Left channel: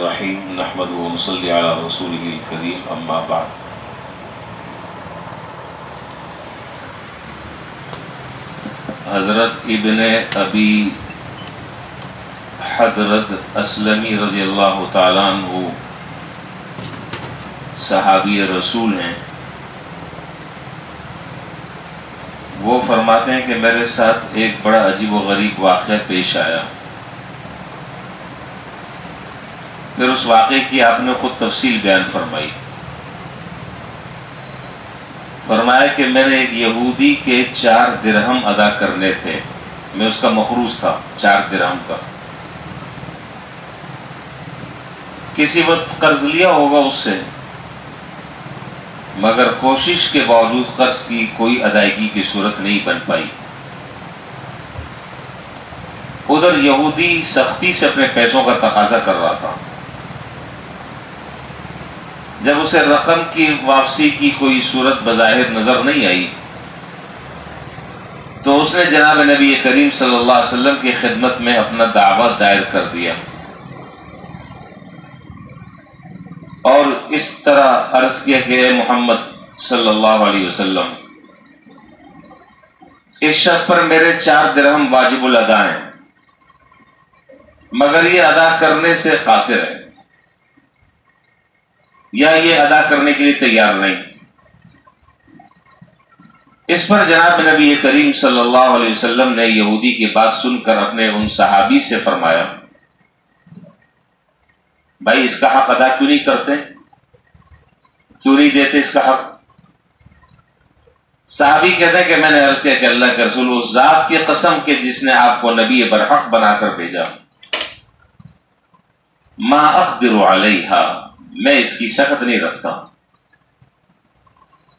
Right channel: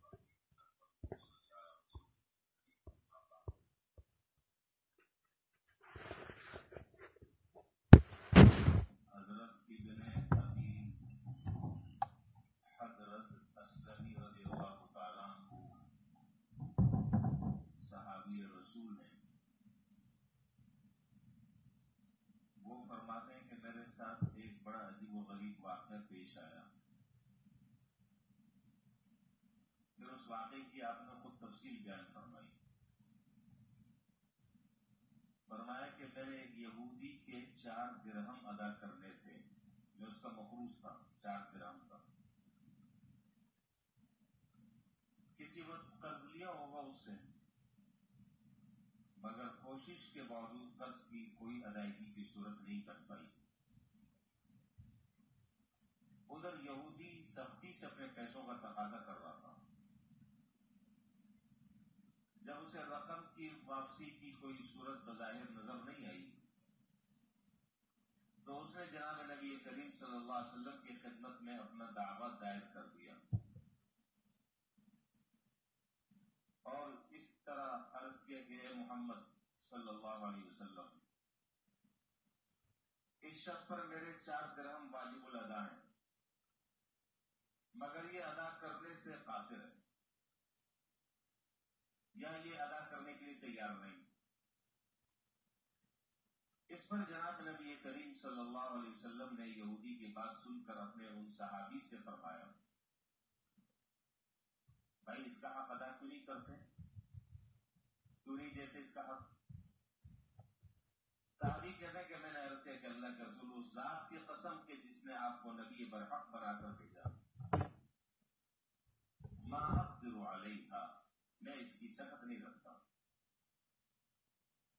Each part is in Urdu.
الرحیم نحمدہ و نصلی علی رسولہ الکریم اما بعد۔ حضرت ابن ابی حضرت اسلمی رضی اللہ تعالیٰ عنہ صحابی رسول ہیں۔ وہ فرماتے ہیں کہ میرے ساتھ ایک بڑا عجیب و غریب واقعہ پیش آیا، پھر اس واقعے کی آپ نے خود تفصیل بیان فرمائی۔ فرمایا کہ میں نے ایک یہودی کے 4 درہم ادا کرنے تھے، میں اس کا مخروض تھا 4 درہم کا۔ کسی وقت قرض لیا ہوگا اس سے، مگر کوشش کے باوجود قرض کی کوئی ادائیگی کی صورت نہیں بن پائی۔ ادھر یہودی سختی سے اپنے پیسوں کا تقاضا کر رہا تھا۔ جب اسے رقم کی واپسی کی کوئی صورت بظاہر نظر نہیں آئی تو اس نے جناب نبی کریم صلی اللہ علیہ وسلم کی خدمت میں اپنا دعویٰ دائر کر دیا اور اس طرح عرض کیا کہ اے محمد صلی اللہ علیہ وسلم، اس شخص پر میرے 4 درہم واجب الادا ہیں، مگر یہ ادا کرنے سے قاصر ہے یا یہ ادا کرنے کے لیے تیار نہیں۔ اس پر جناب نبی کریم صلی اللہ علیہ وسلم نے یہودی کی بات سن کر اپنے ان صحابی سے فرمایا، بھائی اس کا حق ادا کیوں نہیں کرتے، کیوں نہیں دیتے اس کا حق؟ صحابی کہتے ہیں کہ میں نے عرض کیا کہ اللہ کے رسول، اس ذات کی قسم کہ جس نے آپ کو نبی برحق بنا کر بھیجا، ما اقدر علیہا، میں اس کی سخت نہیں رکھتا۔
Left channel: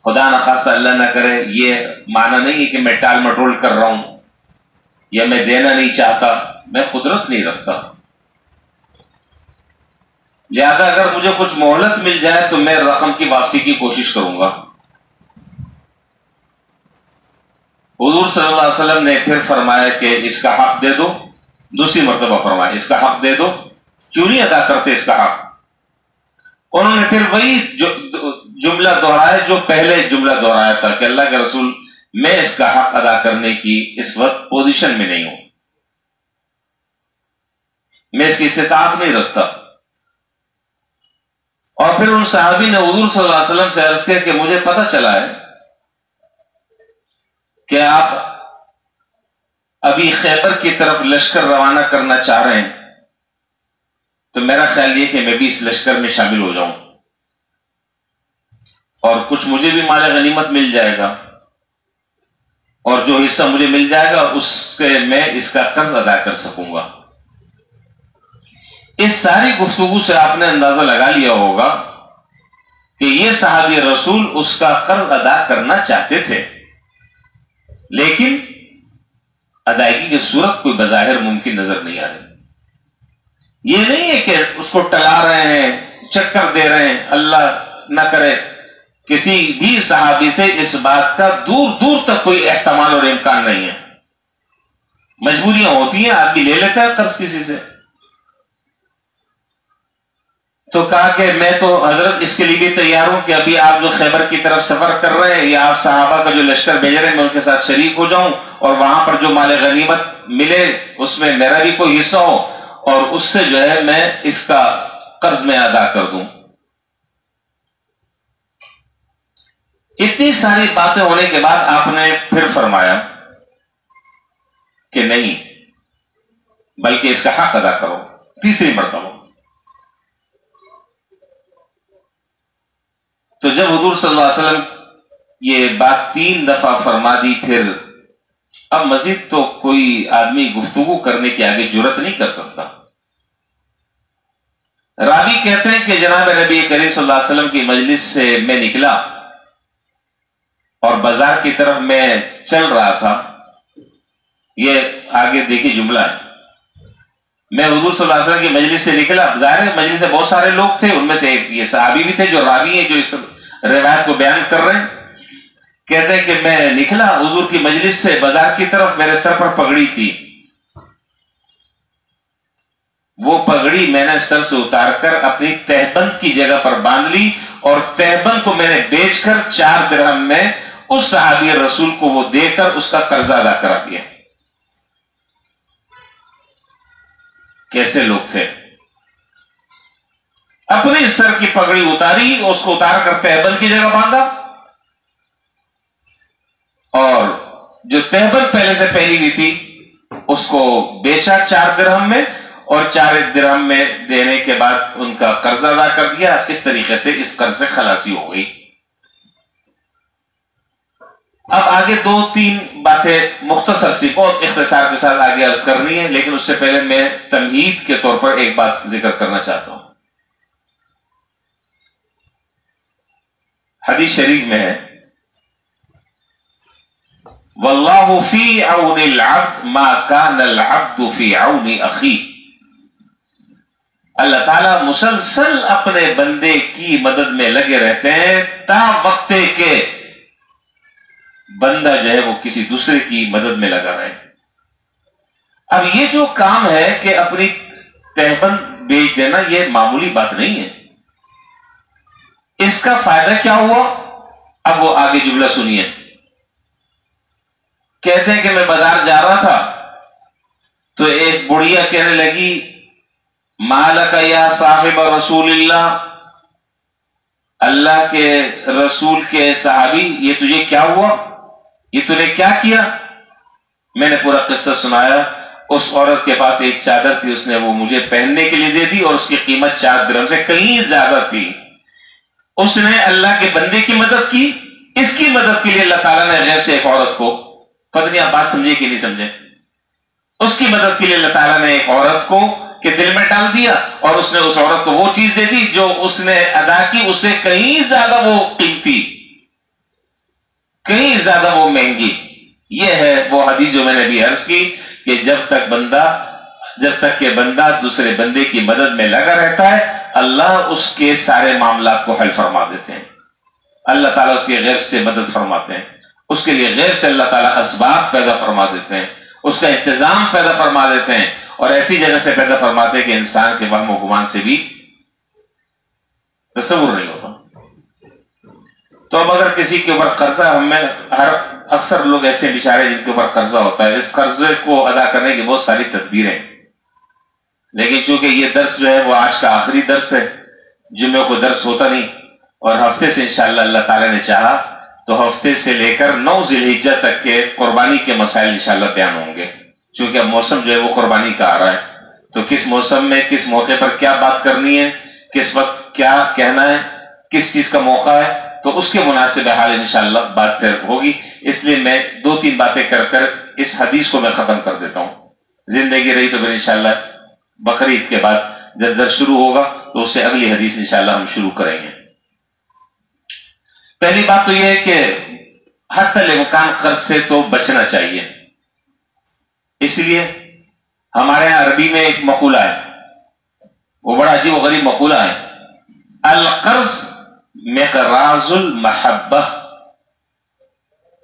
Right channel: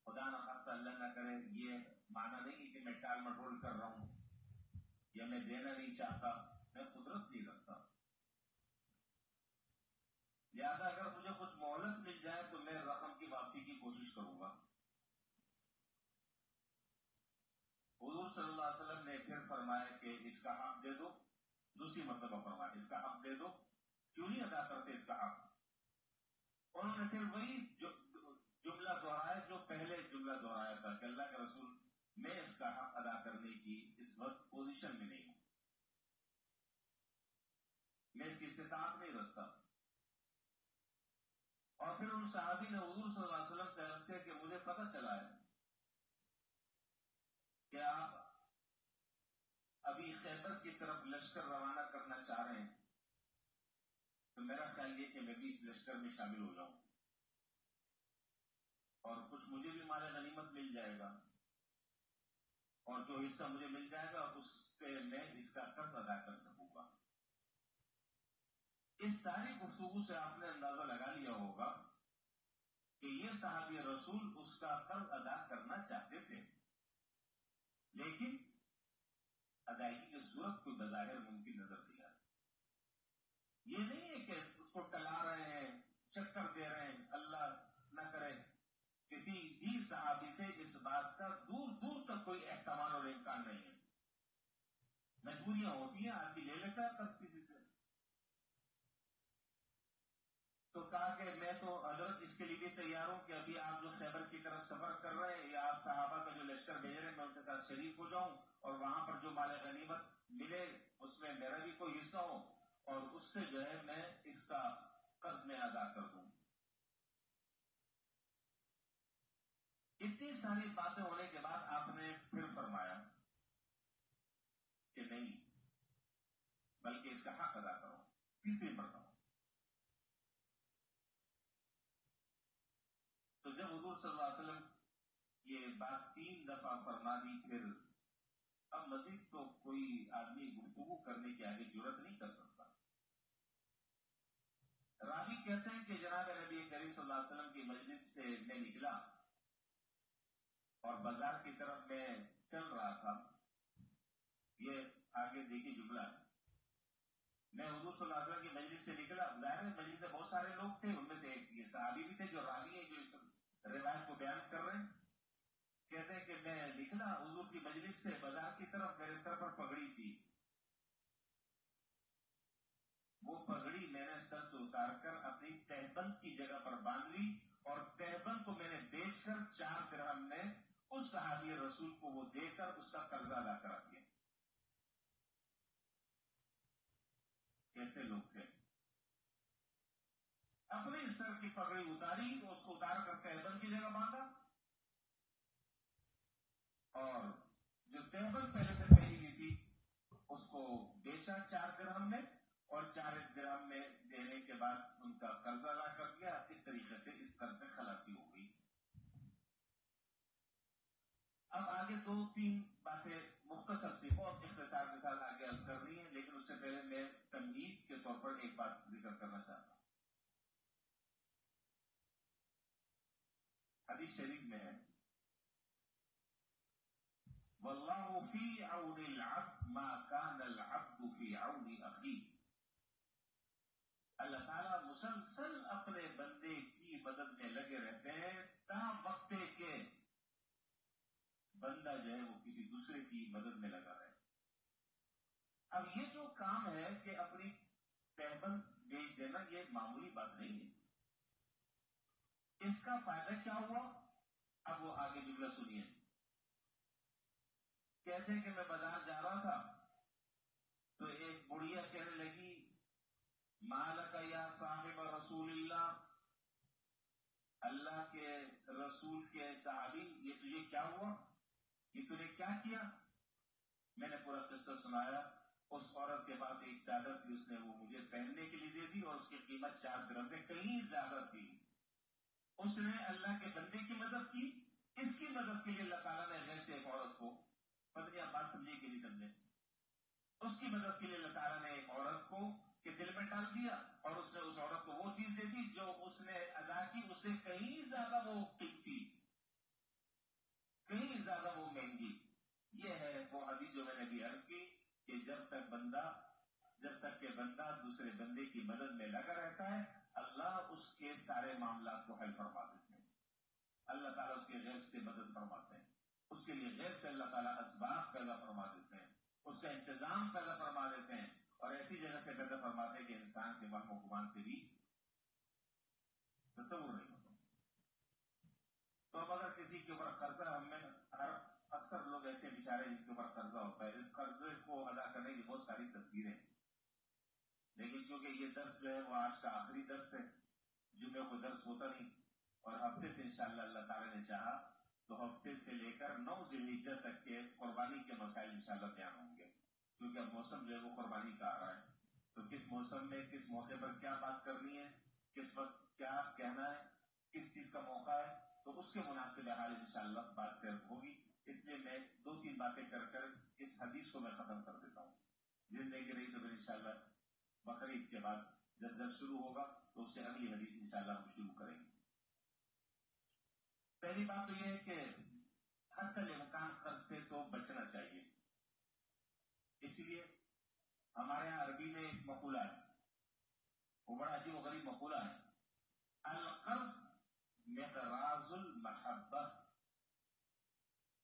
خدا نخواستہ اللہ نہ کرے، یہ معنی نہیں ہے کہ میں ٹال مٹول کر رہا ہوں یا میں دینا نہیں چاہتا، میں قدرت نہیں رکھتا، لہذا اگر مجھے کچھ مہلت مل جائے تو میں رقم کی واپسی کی کوشش کروں گا۔ حضور صلی اللہ علیہ وسلم نے پھر فرمایا کہ اس کا حق دے دو، دوسری مرتبہ فرمایا اس کا حق دے دو، کیوں نہیں ادا کرتے اس کا حق؟ انہوں نے پھر وہی جملہ دہرایا جو پہلے جملہ دہرایا تھا کہ اللہ کے رسول، میں اس کا حق ادا کرنے کی اس وقت پوزیشن میں نہیں ہوں، میں اس کی استطاعت نہیں رکھتا۔ اور پھر ان صحابی نے حضور صلی اللہ علیہ وسلم سے عرض کیا کہ مجھے پتہ چلا ہے کہ آپ ابھی خیبر کی طرف لشکر روانہ کرنا چاہ رہے ہیں، تو میرا خیال یہ کہ میں بھی اس لشکر میں شامل ہو جاؤں اور کچھ مجھے بھی مال غنیمت مل جائے گا، اور جو حصہ مجھے مل جائے گا اس کے میں اس کا قرض ادا کر سکوں گا۔ اس ساری گفتگو سے آپ نے اندازہ لگا لیا ہوگا کہ یہ صحابی رسول اس کا قرض ادا کرنا چاہتے تھے، لیکن ادائیگی کی صورت کوئی بظاہر ممکن نظر نہیں آ رہی۔ یہ نہیں ہے کہ اس کو ٹلا رہے ہیں، چکر دے رہے ہیں، اللہ نہ کرے کسی بھی صحابی سے اس بات کا دور دور تک کوئی احتمال اور امکان نہیں ہے۔ مجبوریاں ہوتی ہیں، آدمی لے لیتا ہے قرض کسی سے۔ تو کہا کہ میں تو حضرت اس کے لیے بھی تیار ہوں کہ ابھی آپ جو خیبر کی طرف سفر کر رہے ہیں یا آپ صحابہ کا جو لشکر بھیج رہے ہیں میں ان کے ساتھ شریک ہو جاؤں، اور وہاں پر جو مال غنیمت ملے اس میں میرا بھی کوئی حصہ ہو، اور اس سے جو ہے میں اس کا قرض میں ادا کر دوں۔ اتنی ساری باتیں ہونے کے بعد آپ نے پھر فرمایا کہ نہیں، بلکہ اس کا حق ادا کرو، تیسری مرتبہ۔ تو جب حضور صلی اللہ علیہ وسلم یہ بات 3 دفعہ فرما دی، پھر اب مزید تو کوئی آدمی گفتگو کرنے کے آگے جرأت نہیں کر سکتا۔ راوی کہتے ہیں کہ جناب نبی کریم صلی اللہ علیہ وسلم کی مجلس سے میں نکلا اور بازار کی طرف میں چل رہا تھا۔ یہ آگے دیکھیے جملہ ہے، میں حضور صلی اللہ علیہ وسلم کی مجلس سے نکلا، ظاہر ہے مجلس سے بہت سارے لوگ تھے، ان میں سے ایک یہ صحابی بھی تھے جو راوی ہیں جو اس روایت کو بیان کر رہے ہیں۔ کہتے ہیں کہ میں نکلا حضور کی مجلس سے بازار کی طرف، میرے سر پر پگڑی تھی، وہ پگڑی میں نے سر سے اتار کر اپنی تہبند کی جگہ پر باندھ لی اور تہبند کو میں نے بیچ کر 4 درہم میں اس صحابی رسول کو وہ دے کر اس کا قرضہ ادا کرا دیا۔ کیسے لوگ تھے؟ اپنے سر کی پگڑی اتاری، اس کو اتار کر تہبند کی جگہ باندھا، اور جو تہبند پہلے سے پہلی ہوئی تھی اس کو بیچا 4 درہم میں، اور 4 درہم میں دینے کے بعد ان کا قرض ادا کر دیا۔ اس طریقے سے اس قرض سے خلاصی ہو گئی۔ اب آگے 2-3 باتیں مختصر سی بہت اختصار کے ساتھ آگے عرض کرنی ہے، لیکن اس سے پہلے میں تمہید کے طور پر ایک بات ذکر کرنا چاہتا ہوں۔ حدیث شریف میں ہے واللہ فی عون العبد ما کان العبد فی عون اخی۔ اللہ تعالیٰ مسلسل اپنے بندے کی مدد میں لگے رہتے ہیں تا وقت کے بندہ جو ہے وہ کسی دوسرے کی مدد میں لگا رہے۔ اب یہ جو کام ہے کہ اپنی تہبند بیچ دینا، یہ معمولی بات نہیں ہے۔ اس کا فائدہ کیا ہوا؟ اب وہ آگے جملہ سنیے۔ کہتے ہیں کہ میں بازار جا رہا تھا تو ایک بڑھیا کہنے لگی مالک یا صاحب رسول اللہ، اللہ کے رسول کے صحابی، یہ تجھے کیا ہوا؟ یہ تو نے کیا کیا؟ میں نے پورا قصہ سنایا۔ اس عورت کے پاس ایک چادر تھی، اس نے وہ مجھے پہننے کے لیے دے دی اور اس کی قیمت 4 درہم سے کہیں زیادہ تھی۔ اس نے اللہ کے بندے کی مدد کی۔ اس کی مدد کے لیے اللہ تعالیٰ نے غیر سے ایک عورت کو، پتہ نہیں آپ بات سمجھے کہ نہیں سمجھے، اس کی مدد کے لیے اللہ تعالیٰ نے ایک عورت کو کہ دل میں ڈال دیا، اور اس نے اس عورت کو وہ چیز دے دی جو اس نے ادا کی، اس سے کہیں زیادہ وہ قیمتی، کہیں زیادہ وہ مہنگی۔ یہ ہے وہ حدیث جو میں نے بھی عرض کی کہ جب تک کہ بندہ دوسرے بندے کی مدد میں لگا رہتا ہے، اللہ اس کے سارے معاملات کو حل فرما دیتے ہیں۔ اللہ تعالیٰ اس کے غیب سے مدد فرماتے ہیں، اس کے لیے غیب سے اللہ تعالیٰ اسباب پیدا فرما دیتے ہیں، اس کا انتظام پیدا فرما دیتے ہیں، اور ایسی جگہ سے پیدا فرماتے ہیں کہ انسان کے وہم و گمان سے بھی تصور نہیں ہوتا۔ تو اب اگر کسی کے اوپر قرضہ، اکثر لوگ ایسے بیچارے جن کے اوپر قرضہ ہوتا ہے، اس قرضے کو ادا کرنے کی بہت ساری تدبیریں، لیکن چونکہ یہ درس جو ہے وہ آج کا آخری درس ہے، جمعے کو درس ہوتا نہیں، اور ہفتے سے انشاءاللہ اللہ تعالیٰ نے چاہا تو ہفتے سے لے کر 9 ذی الحجہ تک کے قربانی کے مسائل انشاءاللہ بیان ہوں گے، چونکہ اب موسم جو ہے وہ قربانی کا آ رہا ہے، تو کس موسم میں کس موقع پر کیا بات کرنی ہے، کس وقت کیا کہنا ہے، کس چیز کا موقع ہے، تو اس کے مناسب حال انشاءاللہ بات پھر ہوگی۔ اس لیے میں 2-3 باتیں کر کر اس حدیث کو میں ختم کر دیتا ہوں۔ زندگی رہی تو پھر انشاءاللہ بقرعید کے بعد جب درس شروع ہوگا تو اس سے اگلی حدیث انشاءاللہ ہم شروع کریں گے۔ پہلی بات تو یہ ہے کہ حتی الامکان قرض سے تو بچنا چاہیے۔ اس لیے ہمارے ہاں عربی میں ایک مقولہ ہے، وہ بڑا عجیب و غریب مقولہ ہے، القرض مقراض المحبہ،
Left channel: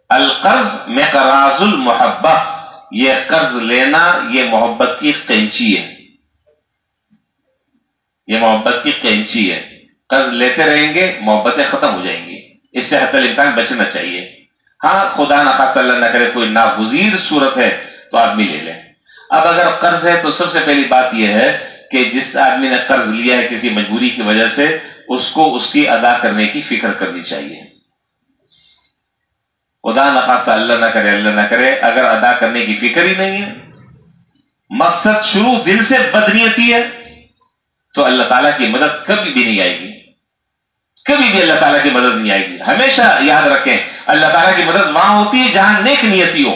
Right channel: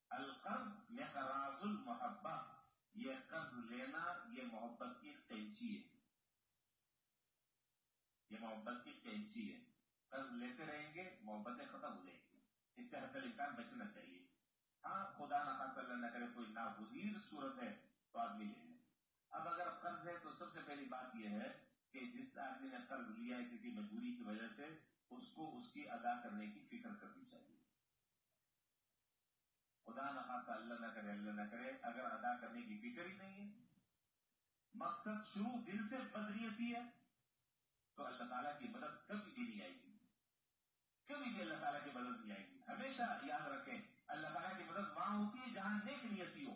القرض مقراض المحبہ، یہ قرض لینا یہ محبت کی قینچی ہے، یہ محبت کی قینچی ہے۔ قرض لیتے رہیں گے محبتیں ختم ہو جائیں گی، اس سے حتی الامکان بچنا چاہیے۔ ہاں خدا نخواستہ اللہ نہ کرے کوئی ناگزیر صورت ہے تو آدمی لے لے۔ اب اگر قرض ہے تو سب سے پہلی بات یہ ہے کہ جس آدمی نے قرض لیا ہے کسی مجبوری کی وجہ سے، اس کو اس کی ادا کرنے کی فکر کرنی چاہیے۔ خدا نخواستہ اللہ نہ کرے اگر ادا کرنے کی فکر ہی نہیں ہے، مقصد شروع دل سے بدنیتی ہے، تو اللہ تعالیٰ کی مدد کبھی بھی نہیں آئے گی، کبھی بھی اللہ تعالیٰ کی مدد نہیں آئے گی۔ ہمیشہ یاد رکھیں اللہ تعالیٰ کی مدد وہاں ہوتی ہے جہاں نیک نیتی ہو۔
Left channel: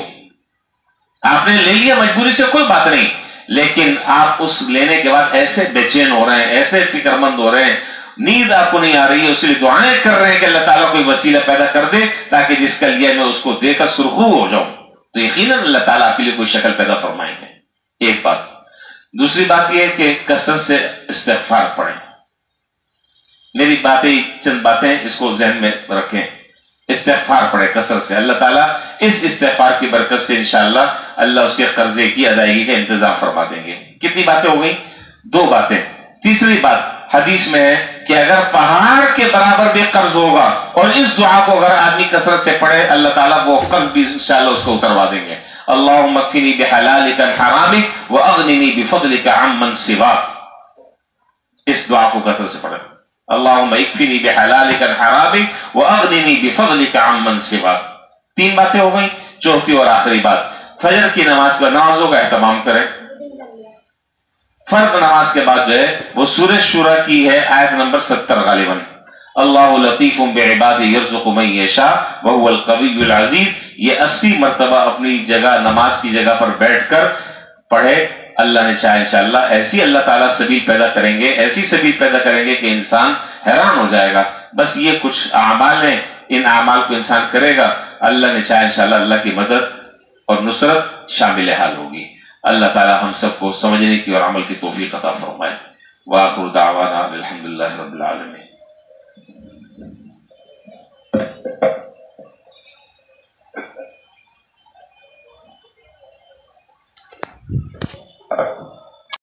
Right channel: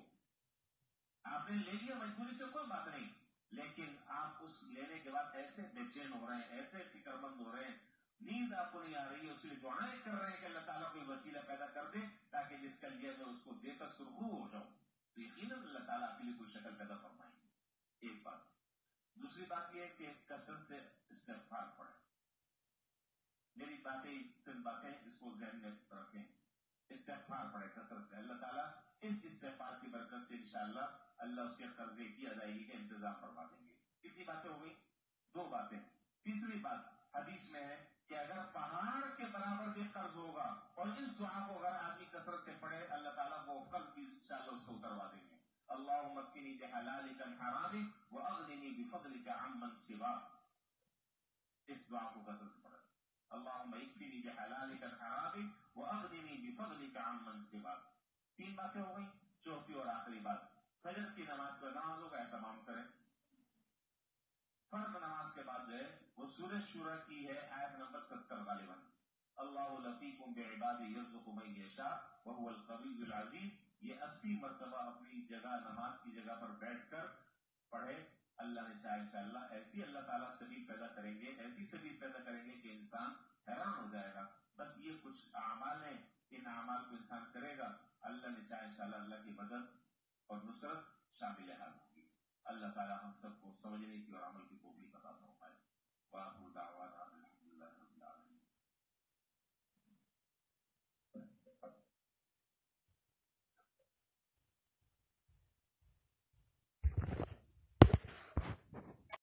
آپ نے لے لیا مجبوری سے کوئی بات نہیں، لیکن آپ اس لینے کے بعد ایسے بے چین ہو رہے ہیں، ایسے فکر مند ہو رہے ہیں، نیند آپ کو نہیں آ رہی ہے، اس لیے دعائیں کر رہے ہیں کہ اللہ تعالیٰ کوئی وسیلہ پیدا کر دے تاکہ جس کا لیا میں اس کو دے کر سرخرو ہو جاؤں، تو یقیناً اللہ تعالیٰ آپ کے لیے کوئی شکل پیدا فرمائیں گے۔ ایک بات۔ دوسری بات یہ ہے کہ کثرت سے استغفار پڑھیں۔ میری باتیں چند باتیں اس کو ذہن میں رکھیں، استغفار پڑھیں کثرت سے، اللہ تعالیٰ اس استغفار کی برکت سے انشاءاللہ اللہ اس کے قرضے کی ادائیگی کا انتظام فرما دیں گے۔ کتنی باتیں ہو گئی؟ دو باتیں. تیسری بات حدیث میں ہے کہ اگر پہاڑ کے برابر بھی قرض ہوگا اور اس دعا کو اگر آدمی کثرت سے پڑھے اللہ تعالیٰ وہ قرض بھی انشاءاللہ اس کو اتروا دیں گے. اللہم اکفنی بحلالک عن حرامک واغننی بفضلک عمن سواک. اس دعا کو کثرت سے پڑھے. اللہم اکفنی بحلالک عن حرامک واغننی بفضلک عمن سواک. تین باتیں ہو گئیں. چوتھی اور آخری بات فجر کی نماز پر نمازوں کا اہتمام کریں. فرض نماز کے بعد جو ہے وہ سورہ شورى کی ہے آیت نمبر 70 غالباً. اللہ لطیف بعبادہ یرزق من یشاء وهو القوی العزیز. یہ 80 مرتبہ اپنی جگہ نماز کی جگہ پر بیٹھ کر پڑھے. اللہ نے چاہے انشاءاللہ ایسی اللہ تعالیٰ سبیل پیدا کریں گے, ایسی سبیل پیدا کریں گے کہ انسان حیران ہو جائے گا. بس یہ کچھ اعمال ہیں, ان اعمال کو انسان کرے گا, اللہ نے چاہے انشاءاللہ اللہ کی مدد اور نصرت شامل حال ہوگی. اللہ تعالی ہم سب کو سمجھنے کی اور عمل کی توفیق عطا فرمائے. وآخر دعوانا الحمدللہ رب العالمین.